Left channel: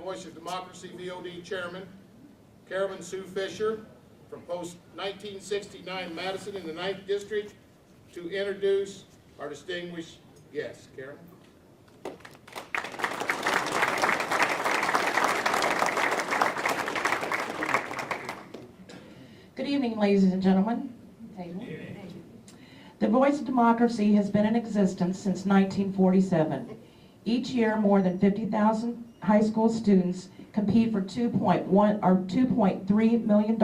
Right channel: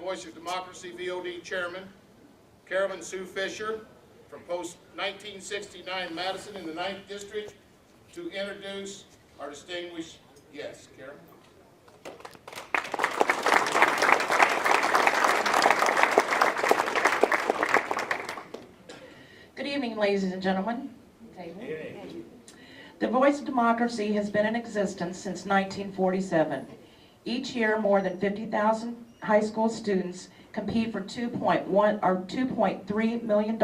Voice of Democracy VOD Chairman, Carolyn Sue Fisher, from Post 1969 Madison in the 9th District, to introduce our distinguished guests. Carolyn. Good evening, ladies and gentlemen. The Voice of Democracy has been in existence since 1947. Each year, more than 50,000 high school students compete for $2.3 million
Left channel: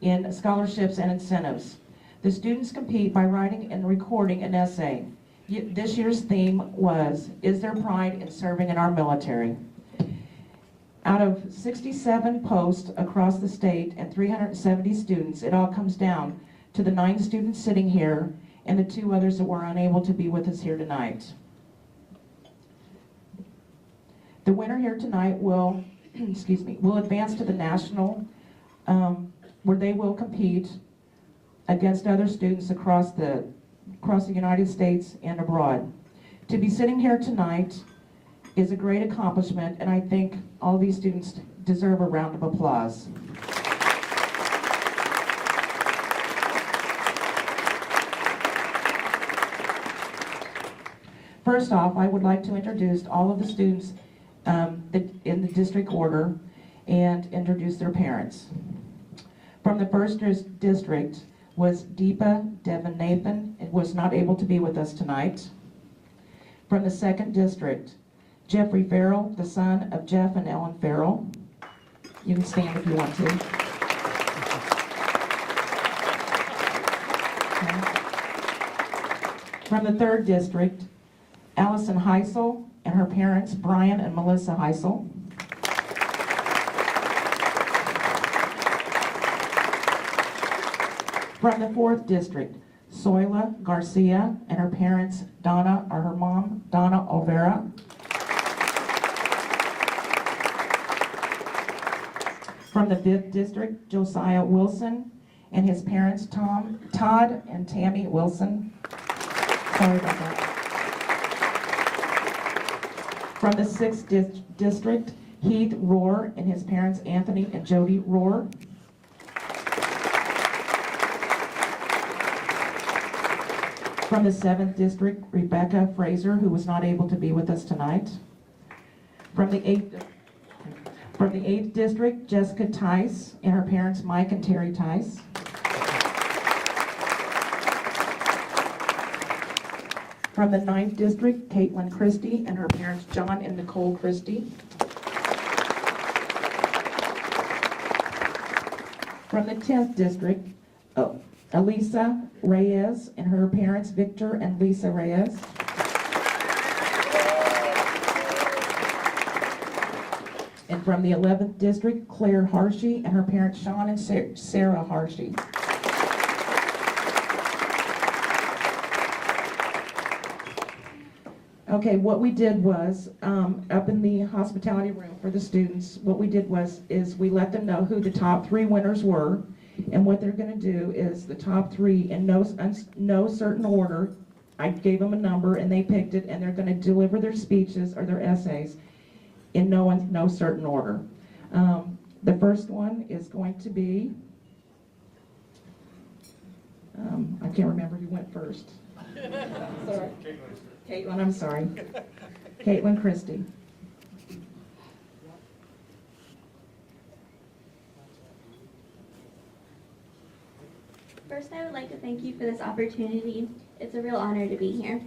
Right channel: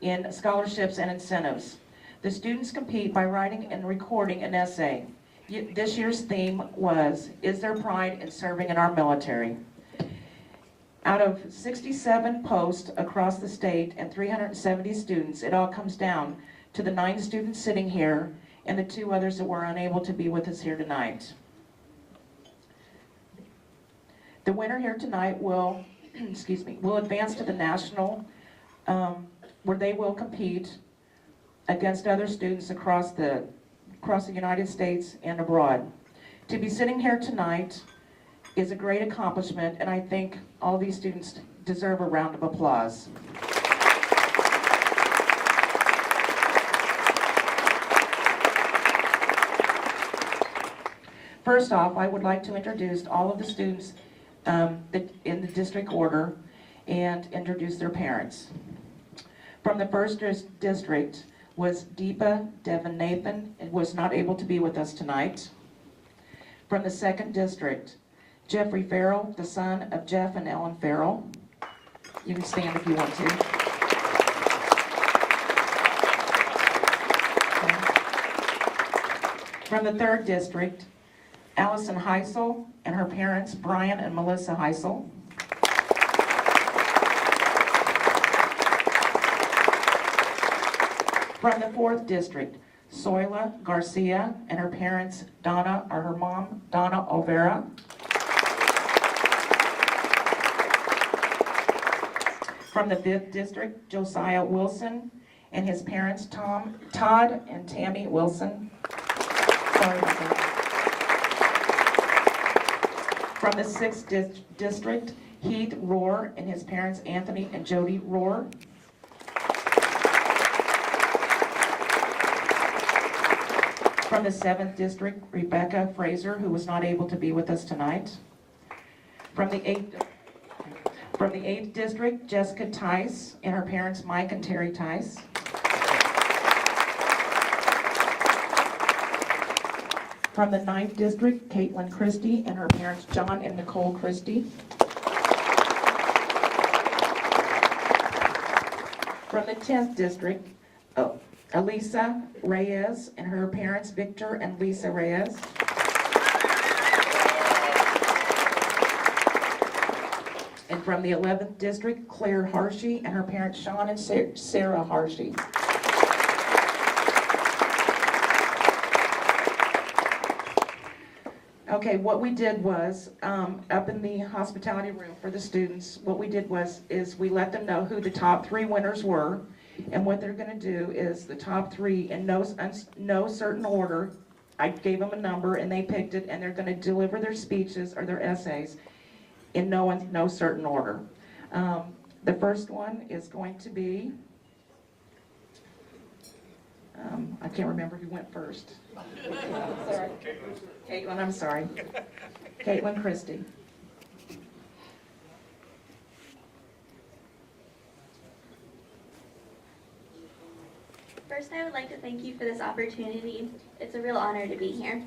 in scholarships and incentives. The students compete by writing and recording an essay. This year's theme was, "Is there pride in serving in our military?" Out of 67 posts across the state and 370 students, it all comes down to the 9 students sitting here and the 2 others that were unable to be with us here tonight. The winner here tonight will, will advance to the national, where they will compete against other students across the United States and abroad. To be sitting here tonight is a great accomplishment, and I think all these students deserve a round of applause. First off, I would like to introduce all of the students in the district order and introduce their parents. From the first district was Deepa Devanathan, and was not able to be with us tonight. From the second district, Jeffrey Farrell, the son of Jeff and Ellen Farrell. You can stand if you want to. Okay. From the third district, Allison Heisel and her parents, Brian and Melissa Heisel. From the fourth district, Soyla Garcia and her parents, Donna, or her mom, Donna Olvera. From the fifth district, Josiah Wilson and his parents, Todd and Tammy Wilson. Sorry about that. From the sixth district, Heath Rohr and his parents, Anthony and Jody Rohr. From the 7th district, Rebecca Fraser, who was not able to be with us tonight. From the 8th district, Jessica Tice and her parents, Mike and Terry Tice. From the 9th district, Kaitlyn Christie and her parents, John and Nicole Christie. From the 10th district, Elisa Reyes and her parents, Victor and Lisa Reyes. And from the 11th district, Claire Harshey and her parents, Sean and Sarah Harshey. Okay, what we did was, up in the hospitality room for the students, what we did is we let them know who the top 3 winners were. And what they're going to do is the top 3 in no certain order. I gave them a number and they picked it, and they're going to deliver their speeches or their essays in no certain order. The first one is going to be, I can't remember who went first. Sorry. Kaitlyn, I'm sorry. Kaitlyn Christie. First, I would like to thank you for this opportunity. It's a real honor to be here.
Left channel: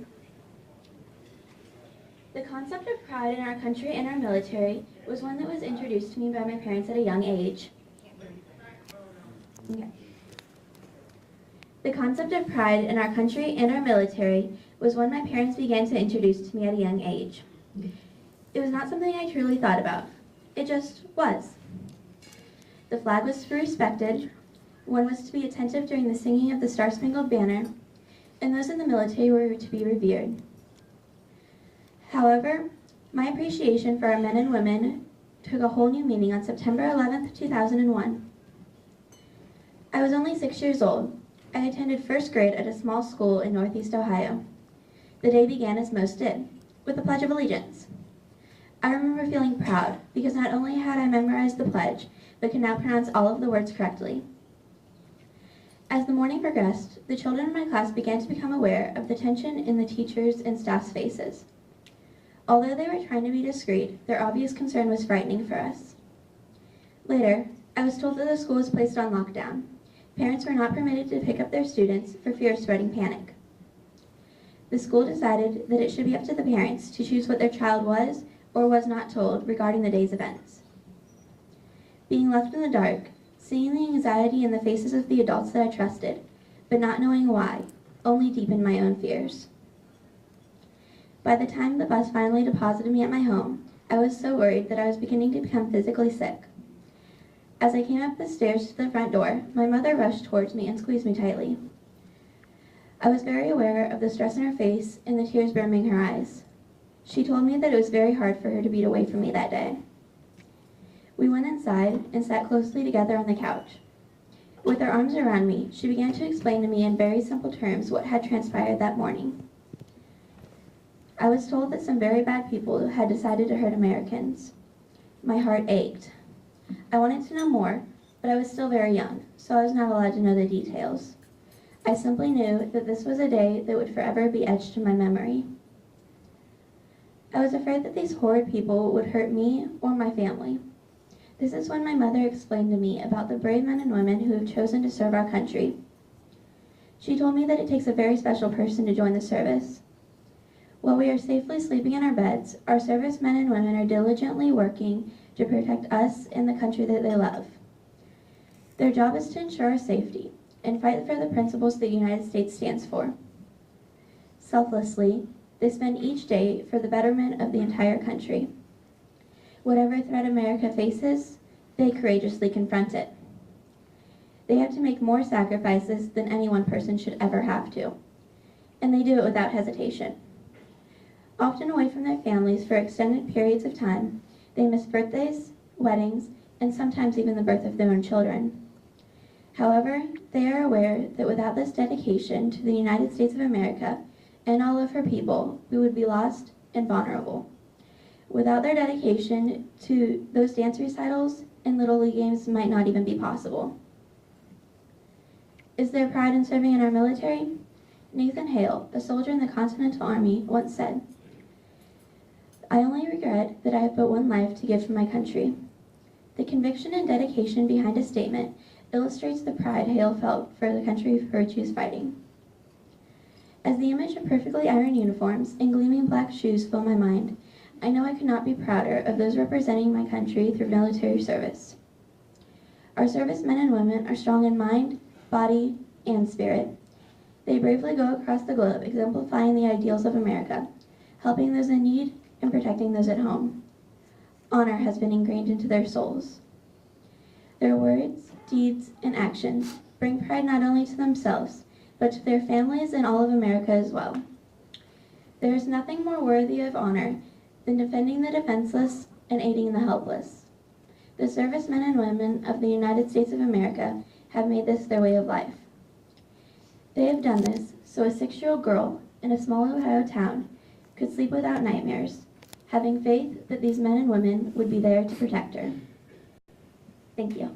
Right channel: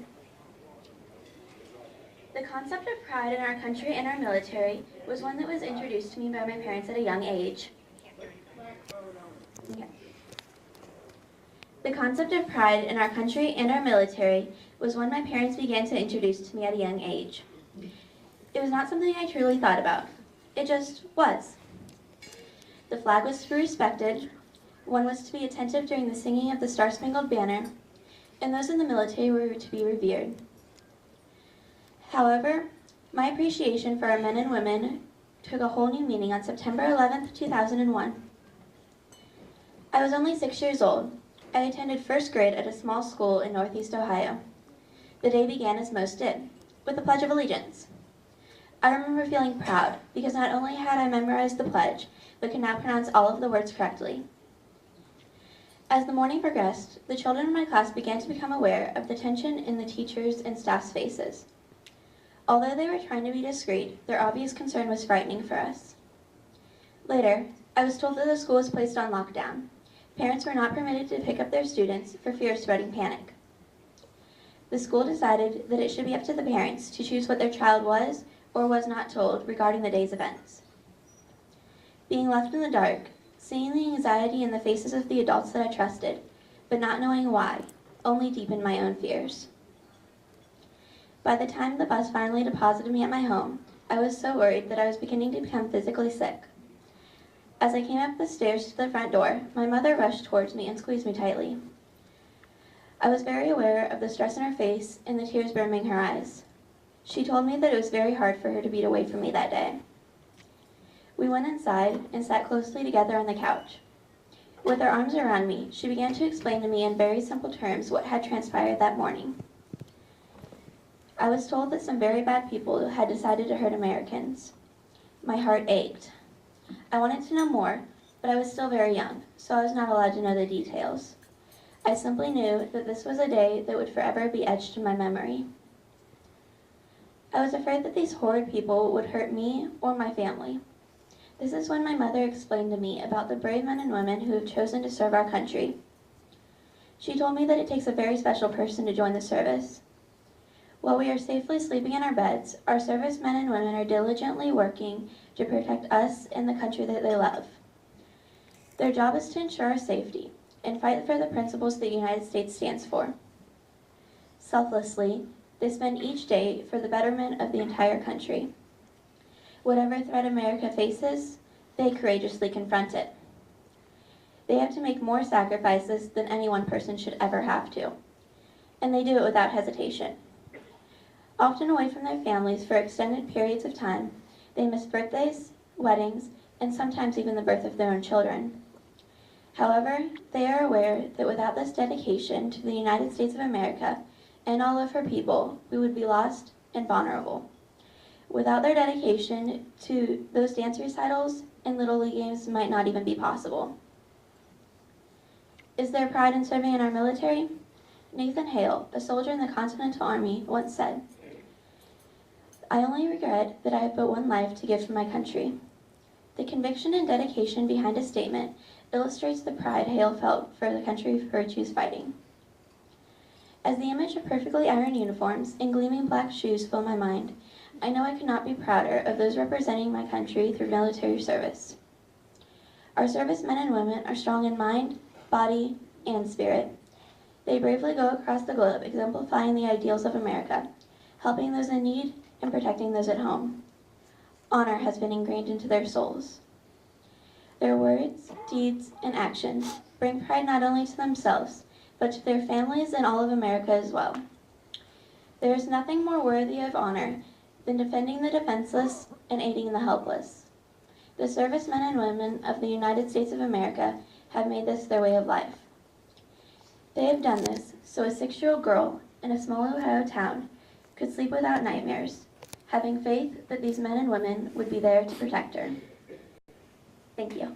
The concept of pride in our country and our military was one that was introduced to me by my parents at a young age. Okay. The concept of pride in our country and our military was one my parents began to introduce to me at a young age. It was not something I truly thought about. It just was. The flag was to be respected. One was to be attentive during the singing of the Star-Spangled Banner, and those in the military were to be revered. However, my appreciation for our men and women took a whole new meaning on September 11th, 2001. I was only 6 years old. I attended first grade at a small school in Northeast Ohio. The day began as most did, with the Pledge of Allegiance. I remember feeling proud because not only had I memorized the pledge, but could now pronounce all of the words correctly. As the morning progressed, the children in my class began to become aware of the tension in the teachers' and staff's faces. Although they were trying to be discreet, their obvious concern was frightening for us. Later, I was told that the school was placed on lockdown. Parents were not permitted to pick up their students for fear of spreading panic. The school decided that it should be up to the parents to choose what their child was or was not told regarding the day's events. Being left in the dark, seeing the anxiety in the faces of the adults that I trusted, but not knowing why, only deepened my own fears. By the time the bus finally deposited me at my home, I was so worried that I was beginning to become physically sick. As I came up the stairs to the front door, my mother rushed towards me and squeezed me tightly. I was very aware of the stress in her face and the tears brimming her eyes. She told me that it was very hard for her to be away from me that day. We went inside and sat closely together on the couch. With her arms around me, she began to explain to me in very simple terms what had transpired that morning. I was told that some very bad people had decided to hurt Americans. My heart ached. I wanted to know more, but I was still very young, so I was not allowed to know the details. I simply knew that this was a day that would forever be etched in my memory. I was afraid that these horrid people would hurt me or my family. This is when my mother explained to me about the brave men and women who have chosen to serve our country. She told me that it takes a very special person to join the service. While we are safely sleeping in our beds, our servicemen and women are diligently working to protect us and the country that they love. Their job is to ensure our safety and fight for the principles the United States stands for. Selflessly, they spend each day for the betterment of the entire country. Whatever threat America faces, they courageously confront it. They have to make more sacrifices than any one person should ever have to, and they do it without hesitation. Often away from their families for extended periods of time, they miss birthdays, weddings, and sometimes even the birth of their own children. However, they are aware that without this dedication to the United States of America and all of her people, we would be lost and vulnerable. Without their dedication to those dance recitals and Little League games might not even be possible. Is there pride in serving in our military? Nathan Hale, a soldier in the Continental Army, once said, "I only regret that I have but one life to give to my country." The conviction and dedication behind his statement illustrates the pride Hale felt for the country for which he was fighting. As the image of perfectly ironed uniforms and gleaming black shoes fill my mind, I know I could not be prouder of those representing my country through military service. Our servicemen and women are strong in mind, body, and spirit. They bravely go across the globe exemplifying the ideals of America, helping those in need and protecting those at home. Honor has been ingrained into their souls. Their words, deeds, and actions bring pride not only to themselves, but to their families and all of America as well. There is nothing more worthy of honor than defending the defenseless and aiding the helpless. The servicemen and women of the United States of America have made this their way of life. They have done this so a 6-year-old girl in a small Ohio town could sleep without nightmares, having faith that these men and women would be there to protect her. Thank you.